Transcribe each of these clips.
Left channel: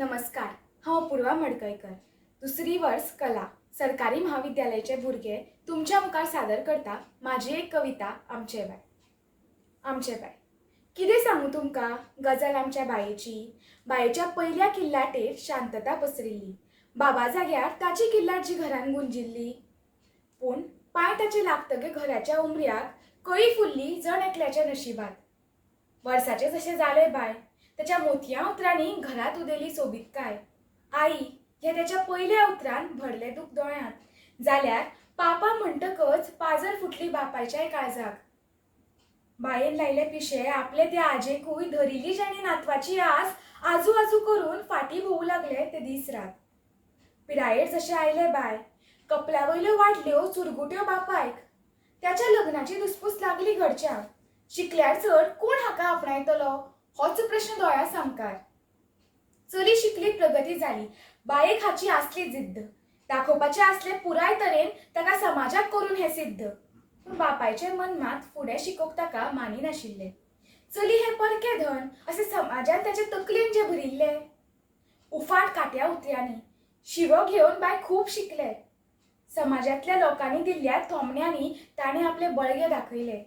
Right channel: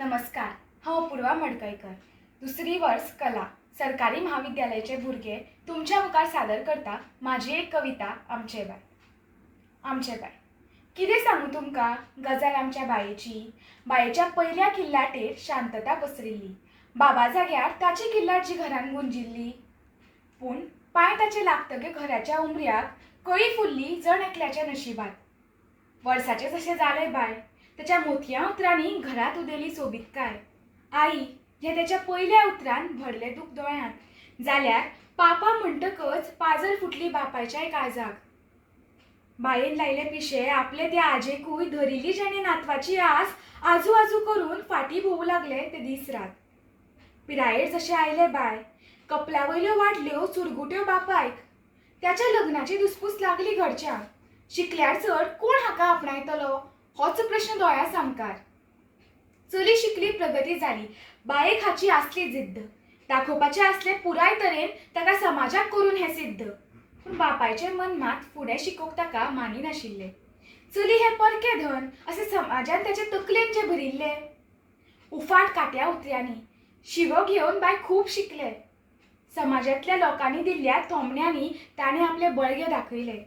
नमस्कार, हांव अपूर्वा मडकयकर. दुसरी वर्स कला सरकारी महाविद्यालयाचे भुरगे तुमच्या मुखार सादर करता माझी एक कविता आमचे बाय. आमचे बाय कितें सांगू तुमकां गजाल आमच्या बायेच्या पयल्या किल्लाटेर शांतता पसरिल्ली. बाबा जाग्यार ताची किल्लाट जी घरान गुंजिल्ली. पूण पांय ताचे लागतगे घराच्या उमऱ्याक कळी फुल्ली जण एकल्याच्या नशिबात. वर्साचें जशें जालें बाय, त्याच्या मोतया उतरांनी घरात उदेली सोबीतकाय. आई हे त्याच्या पयल्या उतरान भरले दूख दोळ्यांत. जाल्यार पापा म्हणटकच पाजर फुटली बापायच्याय काळजाक. बायेन लायले पिशे आपले त्या आजेकूय धरिल्ली जाणे नातवाची आस आजू आजू करून फाटी भोवू लागले ते दीस रात. पिरायेर जशे आयले बाय, कपल्या वयल्यो वाडल्यो चुरगुट्यो बापायक. त्याच्या लग्नाची दुसपूस लागली घरच्यांक. शिकल्यार चड कोण हाका आपणायतलो होच प्रश्न दोळ्या सामकार. चली शिकली प्रगती जाली, बायेक हाची आसली जिद्द. दाखोवपाचे आसले पुराय तरेन ताका समाजाक करून हे सिद्ध. पूण बापायचे मन मात फुडें शिकोवंक ताका मानिनाशिल्ले. चली हे परके धन असे समाजान त्याचे तकलेन जे भरिल्ले. उफाट काट्या उतऱ्यांनी शिवो घेवन बाय खूब शिकले. समाजातल्या लोकांनी दिल्ल्या थोमण्यांनी ताणें आपले बळगे दाखयले.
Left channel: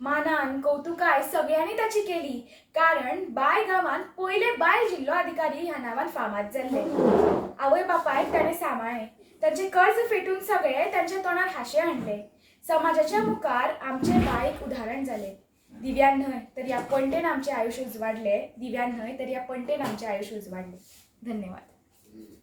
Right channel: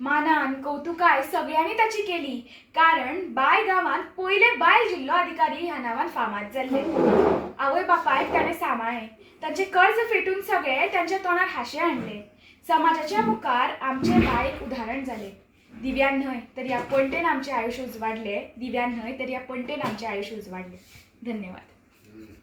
मानान कौतुकाय सगळ्यांनी ताची केली, कारण बाय गांवांत पयले बायल जिल्लो अधिकारी ह्या नांवान फामाद जाल्ले. आवय बापायक ताणें सांबाळ्ळें. तांचे कर्ज फेटून सगळे तांच्या तोंडार हांशे हाडले. समाजाच्या मुखार आमचे बाय एक उदाहरण जाले. दिव्यान न्हय तर ह्या पणटेन आमचें आयुश्य उजवाडलें. दिव्यान न्हय तर ह्या पणटेन आमचें आयुश्य उजवाडलें. धन्यवाद.